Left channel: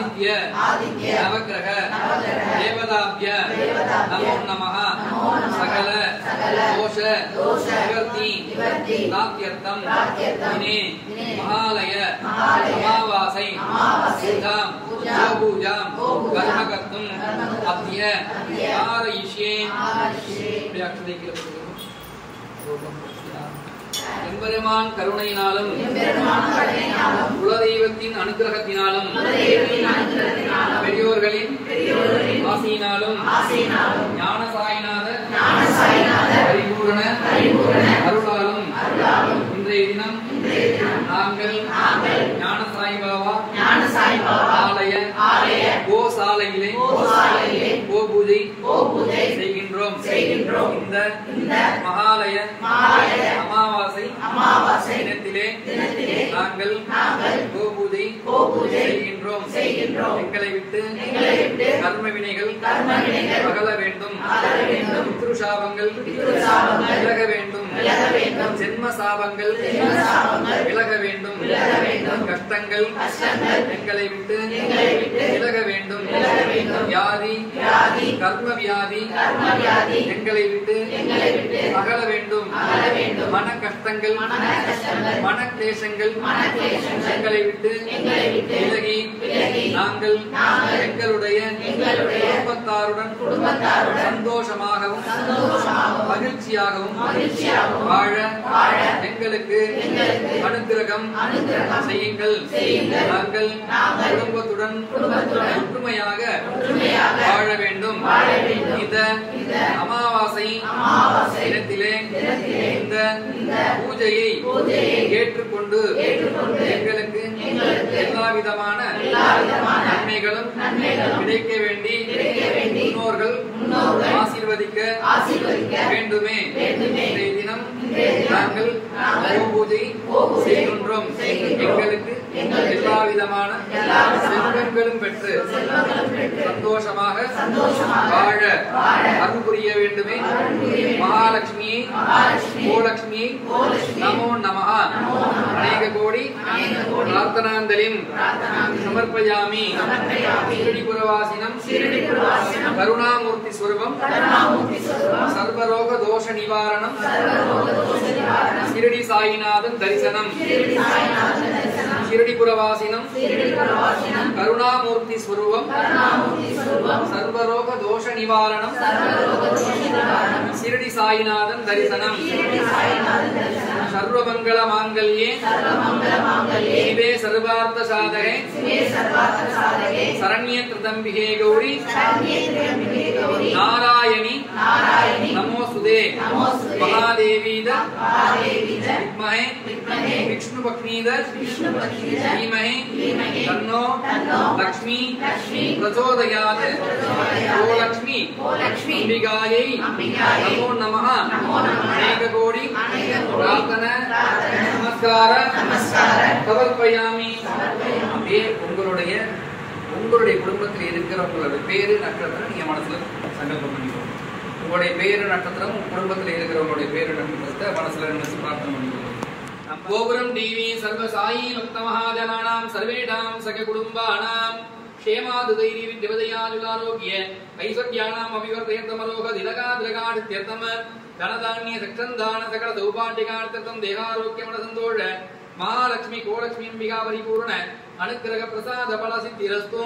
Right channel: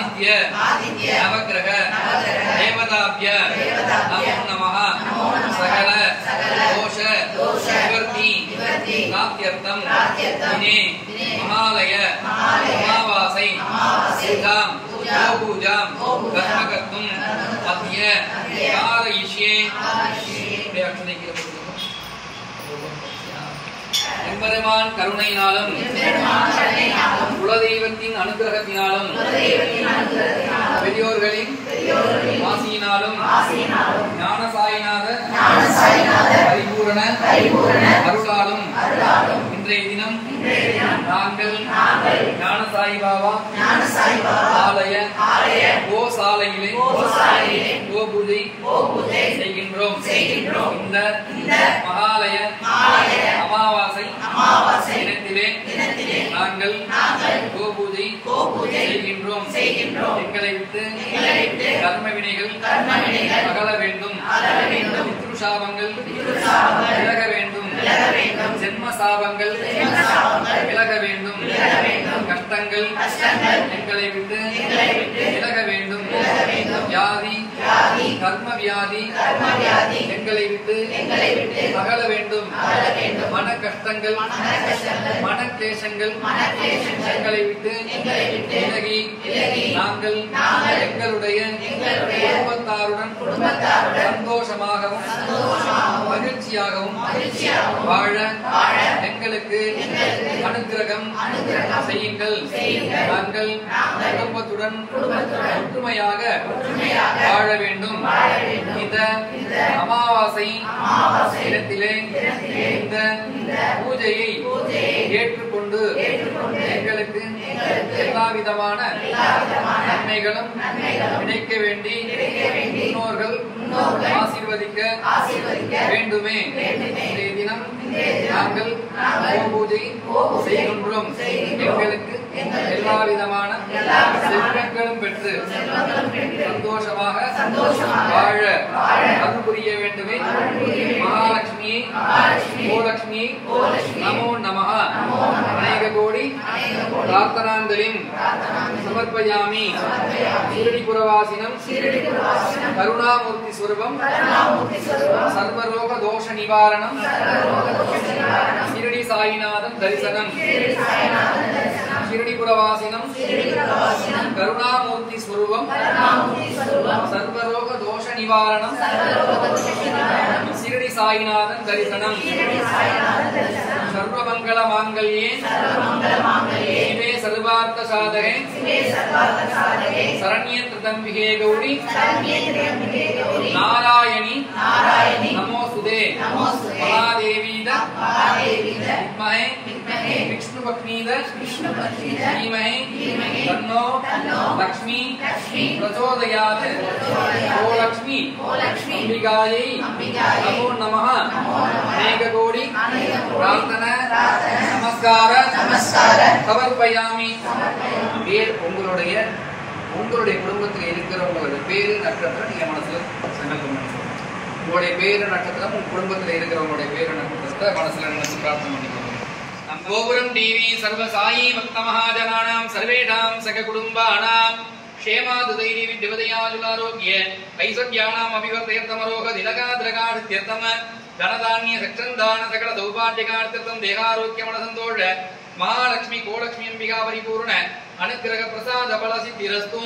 आदित्य नवग्रह देवताभ्य नमो नमः सकल दोष निवृत्ति प्राप्त्यर्थं दिने महालय अमावासै पूजां गोपूजां कर्म कर्तुम् अद्य कारयिष्ये எம்பெருமான் கருணையினாலும் குலதெய்வத்தின் அனுகிரகத்தினாலும் பெரியோர்களின் ஆசியினாலும் ஞானசாயிநாத பரிபூரண அருளாலும் இன்றைய தினம் நாங்கள் ஞானசாயி பாபா ஆலய கோசாலையிலே கோபூஜை செய்கின்றோம். இந்த மகாலய அமாவாசை தினத்திலே நாங்கள் கோபூஜை செய்கின்றோம். எங்களை விட்டு கர்ம வினைகள் அகல வேண்டும். பித்ருசாபங்கள் விலக வேண்டும். ஜென்ம சாபங்கள் விலக வேண்டும். கஷ்டங்கள் எங்களை விட்டு விலக வேண்டும். வியாதி கர்ம வியாதி எங்களை விட்டு அகல வேண்டும். மன கஷ்டங்கள் மன கிளேசங்கள் எங்களை விட்டு விலகி நாங்கள் எங்களுடைய குடும்பத்தாருடன் சந்தோஷமாகவும் மகிழ்ச்சியாகவும் வாழ எங்களுக்கு அனுகிரகம் செய்யுங்கள். நாங்கள் குடும்பத்துடன் ஒற்றுமையாக வாழ வேண்டும். இந்த அமாவாசை தினத்திலே இந்த பூஜையை ஏற்றுக்கொண்டு எங்களுக்கு எல்லா விதமான நன்மைகளும் கிடைக்க வேண்டி முன்னோர்கள் ஆசீர்வதிக்க வேண்டுமே. இன்றைய தினம் நாங்கள் பூஜை செய்கின்றோம். எங்களுக்கு எல்லா விதமான செல்வங்களும் பெற்று சந்தோஷமாக வாழ அருள் புரிய வேண்டுமே. மகாலட்சுமியை கோலட்சுமியை நமோ நமः அநேக கோடி பிரார்த்தனாஞ்சலிம் சமர்ப்பயாமி. शिरडीपुरवासिनं करुणामूर्ति स्वरूपं सर्वरोग दोष निवारणं शिरडी साईनाथं दर्शनं. शिरडीपुरवासिनं करुणामूर्ति स्वरूपं सर्वरोग दोष निवारणं शिरडी साईनाथं दर्शनं. सर्वमंगल मांगल्ये शिवे सर्वार्थ साधके शरण्ये त्र्यंबके गौरी नारायणी नमोस्तुते. महादेवीद विद्महे विष्णुपत्नीद धीमहि तन्नो लक्ष्मी प्रचोदयात्. ओ लक्ष्मी अंबिकायै नमो नमः. अनेक कोटि प्रार्थना நமஸ்கார சமர்ப்பயாமி. பேர் உங்களுடைய குடும்பத்தில் இருக்கிறவங்களோட பேரு நட்சத்திரம் நீங்க மனசுல சங்கல்பம் பண்ணிக்கோங்க. உங்களுடைய பேரு நட்சத்திரம் உங்க குடும்பத்தில் இருக்கிறவங்களுடைய பேரு நட்சத்திரத்தை மனசுல நினைச்சு பிரார்த்தனை பண்ணிக்கோங்க. கோபுரம் டிவி சர்வ சாயி பக்த மகாஜனானாம் சர்வேஷாம் சக குடும்பானாம் क्षेमादुदैरी विद्यवदयाजुलारोग्य ऐश्वर्याणाम् अभिवर्धयन्तमरोह दिलकाद्रगाढ्यर्थम धनधान्य सक्षन्दान सकल सौभाग्यकार्थं देहारोग्यमनसन्तोष महालक्ष्मी कोलक्ष्मी अंबिका परिपूर्ण अनुग्रह प्रसाद फल सिद्धिरस्तु.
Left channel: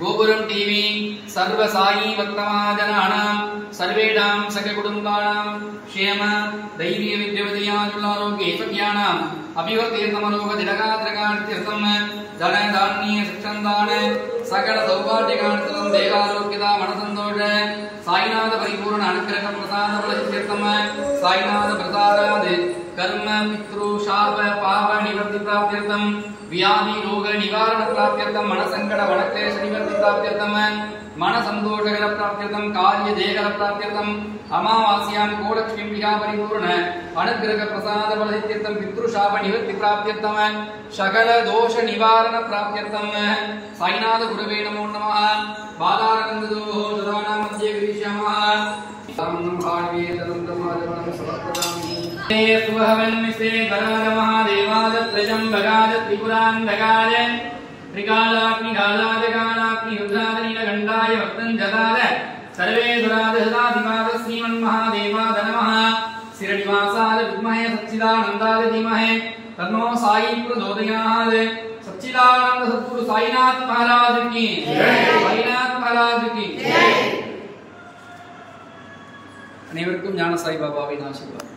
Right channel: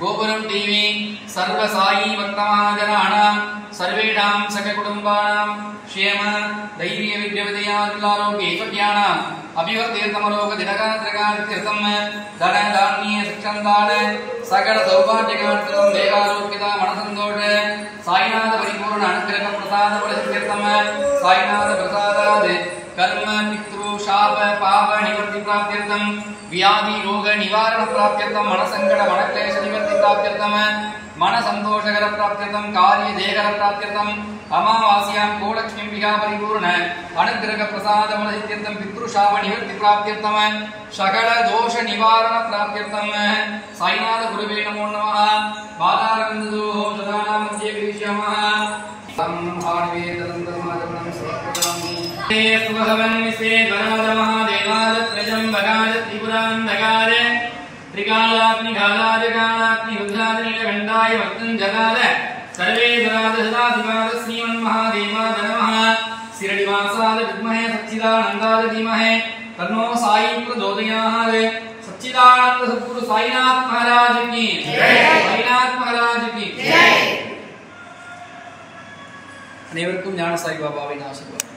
गोपुरम टीवी सर्व साई भक्तमहाजनानां सर्वेषां सककुटुम्बानां क्षेम दैवीय विद्याविद्यानुलारोग्य ऐश्वर्याणाम् अभिवर्तीर्थमलोकतिलकात्रकार्थं धन धान्य शिक्षन्दान सकल सौभाग्यकार्थं देहारोग्यता मनसन्तोष साईनाथ परिपूर्ण अनुग्रह प्रसाद फलसिद्ध्यर्थं साईनाथ प्रसादात् कर्म पितृ शाप पाप निवृत्ति प्राप्त्यर्थं व्याधि रोग निवारण प्राप्त्यर्थं मन संकट मन क्लेश निवृत्ति प्राप्त्यर्थं मन संतोषकर प्राप्त्यर्थं कार्य जयकर प्राप्त्यर्थं अमावास्यां गोलक्ष्मीम्बिका परिपूर्ण अनुग्रह प्रसाद फलसिद्ध्यर्थं पितृ शाप निवृत्ति प्राप्त्यर्थं सकल दोष निवारण प्राप्त्यर्थं साईनाथ गुरुवे नमो नमः बालानन्ददोः सदानां मध्ये विरिष्यामः सुभवन्विसे वरद महादेवादत्रजं वगाद त्रिपुरान्धकार त्रिकालाग्निकालाजकालाग्नि रुद्राग्निलगण्डाय वक्तं जगाद सर्वे दुरादहदाधिमाद श्रीमन्महादेवाद नमः शिरनिवासाद विद्महे सच्चिदानन्दाय धीमहि तन्नो साई प्रचोदयात् सच्चिदानंद सद्गुरु साईनाथ महाराज की जय। साईनाथ महाराज की जय। அனைவருக்கும் ஞான சாய்பாபாவின் ஆசீர்வாதம்.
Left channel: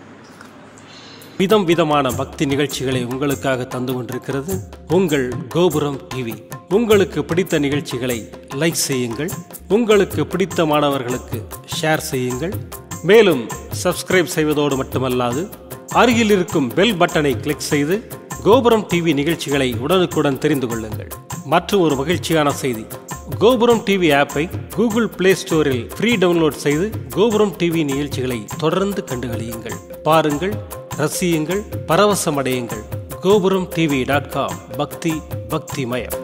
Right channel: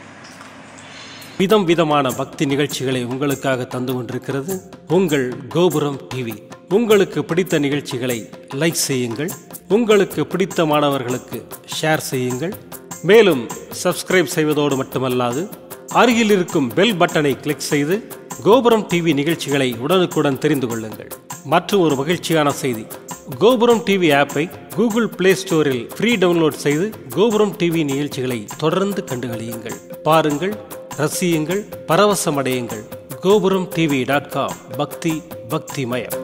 விதம் விதமான பக்தி நிகழ்ச்சிகளை உங்களுக்காக தந்து கொண்டிருக்கிறது உங்கள் கோபுரம் டிவி. உங்களுக்கு பிடித்த நிகழ்ச்சிகளை லைக் செய்யுங்கள், உங்களுக்கு பிடித்த மாணவர்களுக்கு ஷேர் செய்யுங்கள். மேலும் சப்ஸ்கிரைப் செய்வதோடு மட்டுமல்லாது அருகில் இருக்கும் பெல் பட்டனை கிளிக் செய்து கோபுரம் டிவி நிகழ்ச்சிகளை உடனுக்குடன் தெரிந்து கொள்ளுங்கள். மற்றும் ஒரு மகிழ்ச்சியான செய்தி, கோபுரம் டிவி ஆப்பை கூகுள் பிளே ஸ்டோரில் ஃப்ரீ டவுன்லோட் செய்து கோபுரம் டிவி நிகழ்ச்சிகளை தொடர்ந்து கண்டுகளியுங்கள், பாருங்கள், ரசியுங்கள், பரவசமடையுங்கள். gopuramtv.com பக்தி பக்திமயம்.